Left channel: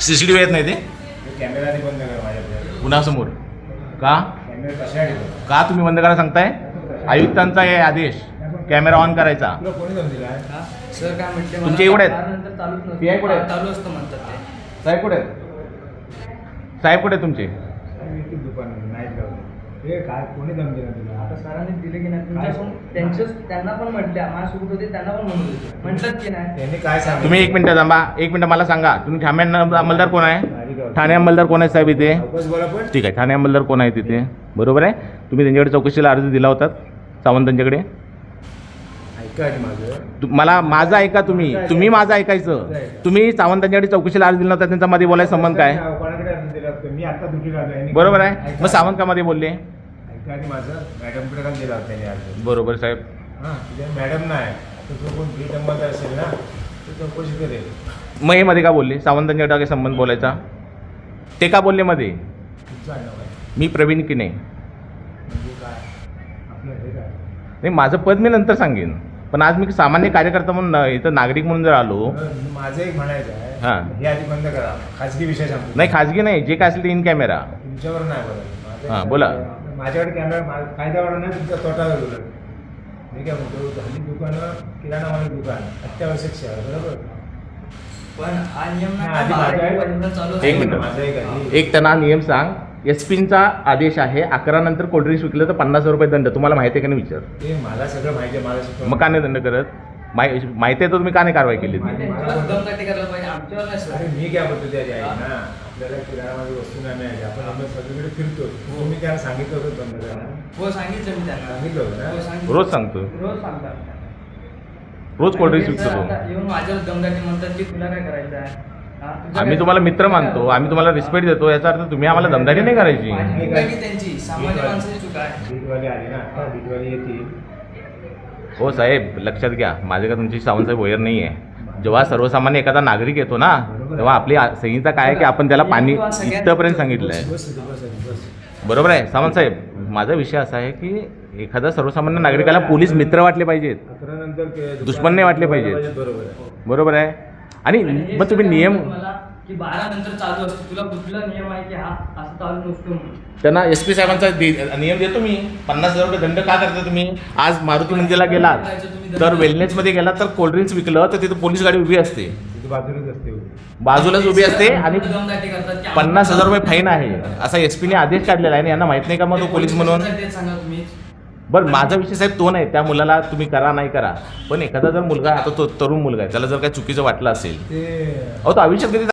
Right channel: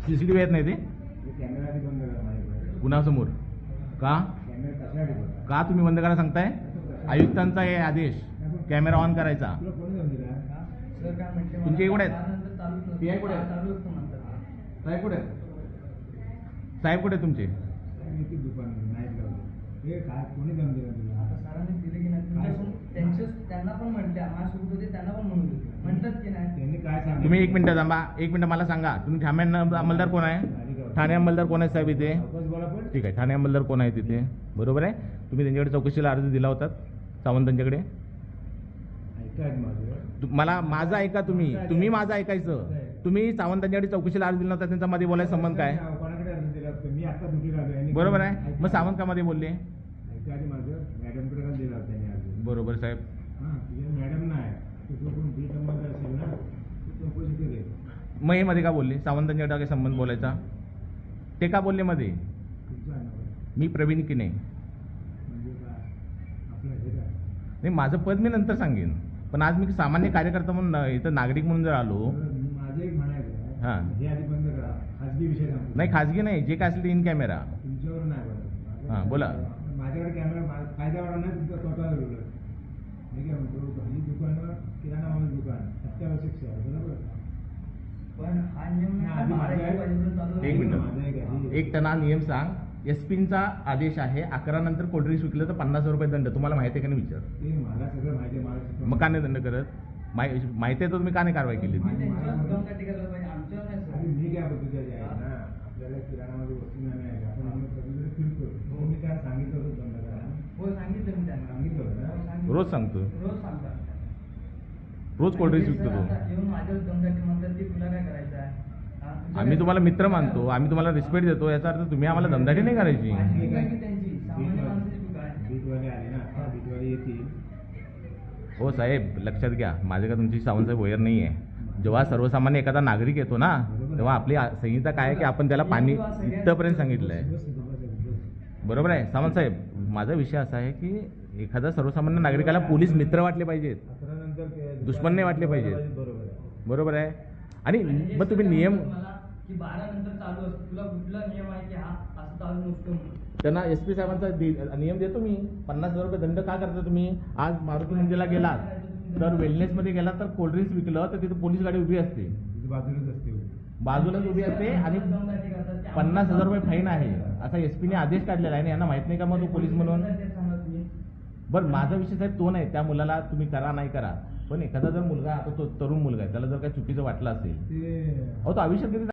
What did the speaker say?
CCTV येत नाही ते कॅमेरा बंद करा माझ्याकडे. कुणासमोर का कॅमेरा कशासाठी बंद? का तुम्ही बंद करायला सांगताय? आयुक्तांचा आहे आदेश कॅमेरा ऑन करायचा. तुला कोणी दम दिला? सर काय म्हणते तुमचे एवढे आहेत? त्यानंतर चालूच नसतं. PI कुठे आहेत? चालू असतं म्हणतात ते. साहेब कुठे आहेत? साहेब कुठे आहेत तुमचे? मी दुकान नाईट लावलं. हे काय कोणी दम दिला तुला? आता सरांनी दिले की नाही तुमच्याकडून त्यांना पण म्हटल्या माझ्यासोबत होते त्यांना पण म्हणून म्हटलं की नाही. त्यांनी काय सांगितलं? तुम्ही एक मिनिट थांबा, एक मिनिट मला सांगा. तुम्ही ठाणे अंमलदार कोण आहे? ठाणे अंमलदार कोण आहे साहेब इथे? वापस बोला पण. ठीक आहे, ठाणे अंमलदार कोण आहे तिथे? बरोबर आहे. तुम्ही त्यांच्याकडे चौकशीला अर्ज दिला होता सावंतांच्याकडे? ऐका आधी माझं. मला माझं ऐका, तुम्ही माझं ऐकायचं. तुम्ही सावंतांच्याकडे चौकशीला अर्ज दिला होता, त्यांचा मध्ये बोलायचा संबंध काय? कोणाकडे अर्ज दिला होता? मी आता ड्युटीला आलोय. बरोबर आहे. मग सावंत का मध्ये बोलले? ऐका आधी माझं. मॅडमकडे का दिला होता त्यांनी अर्ज? बरोबर साहेब. हां तिथे मॅडम नाही तर तो कोण फ्री अंमलदार असेल ना तो चौकशी करेल. मग हे मध्ये का बोलले? सावंतांच्याकडे काय संबंध बोलायचा? ते का बोलले मध्ये? तुमचं नाव आहे मी प्रवीण किने. म्हणजे काय आपलं हे काय? नाही, माझं पद मी नंतर सांगेन, पण आज मी सामान्य कार्यकर्ता म्हणून इथं नागरिक म्हणून जर आलो. माझं एक म्हणायचं हां. आहे हे आधी बंद करा. खाजगी विषय सांगतो. नाही, खाजगी नाही, जे काय असेल ते इन कॅमेरा. तुमच्यावर नाही बोलत. हां, बोला. माझ्याकडे कॅमेरा फायदा वाढवणार नाही, तुमचा तोटा उलट. मी काय म्हणतो हल्ली दुकानं किराणा माल दुकान अत्यावश्यक सेवा बरोबर. पण हा नियम हा, ना आधी 12 माझा आहे. पर्यंत चालू एक मिनिट. माझं एक आहे. एक त्यांना नियम सांग. SP-चा आदेश आहे, 11 नंतर कोल्ड्रिंक्स विकलं तर 50,000 रुपये दंड. तुम्हाला माहिती आहे का नाही विचार? ते मला सगळं माहिती आहे. मला शिकवलं. मग का नाही दंड करत? माहिती आहे तर तुम्ही का नाही कारवाई केली? त्यांच्यावर दमदाटी करायला पाहिजे आमच्यावर नाही सर. अरे मी काय बोलतो त्याची आई ना आपल्याला किराणामध्ये वस्तू नाही मिळाली आपण आपण सगळीकडे फिरतो. तुम्ही त्याला सांगितलं होतं बंद करायला? हो सांगितलं मी त्यांना. सांगितलं होतं ना? हो, सांगितलं. रोज सांगतो, रोज सांगतात. रोज कोल्ड्रिंक्स आणि विकतो सर तो. आता येऊन माझ्यावर दमदाटी म्हणतात की तुला काय करायचं आहे? हा, तुझं आम्ही काय- तुम्हाला मित्र मानतो, आम्ही तुम्हाला रिस्पेक्ट देतो, याचा अर्थ तुम्ही आम्हाला दमदाटी नाही करायची. माझी चूक आहे की त्यांची सामान्य माणसाची चूक आहे. बीटवाले आले ना आता बीटवाले येतील. हो साहेब, लक्षात घ्या, माझे का तुमची सावंतसाहेब वैर नाही आहे. जेव्हा सर्वसामान्य एखादा नागरिक येतो ना, तेव्हा आपली संहिता काय आहे की आपण त्याला पाणी इथपर्यंत सांगितलं आहे. बस बस बस. बरोबर आहे सावंतसाहेब. माझा विषय असा आहे की एखादा सर्वसामान्य नागरिकाला पोलीस मित्र वाटले पाहिजेत, 11 नंतर दुश्मन नाही वाटले पाहिजेत. बरोबर आहे. बरोबर आहे. आणि मग तुम्ही नियम मला की 12 नंतर चालू असतो, तुला कुठला नियम आहे की हा असं चालू नसतो म्हणून. त्यांना SP साहेबांचा नियम देतो मी. 50,000 रुपये दंड का करता तुम्ही? आज मारुती मंदिरला गेलात तर वेलनेसमध्ये गेलात तर कोल्ड्रिंक्स विकलं तर तिथं पोलीस गाडी उभी असते, तिथे बाजूलाच असते. बाजूलाच उभी असते आणि दमदाटी करतात की 50,000 रुपये फाईन आहे असा SP ने आदेश काढलेला आहे. आणि यांना माहित नाही का मग तो पोलीस म्हणून? तेच सांगा तुम्ही. बरं, माझा विषय साहेब तो नाही, त्या मुलाला तुम्ही करा नाही करा, पण एखादा जर मुलगा आता तो तरुण मुलगा आहे, त्याला जर काही चुकीचं वाटलं असेल, ते अहो तो आयुष्यात कधी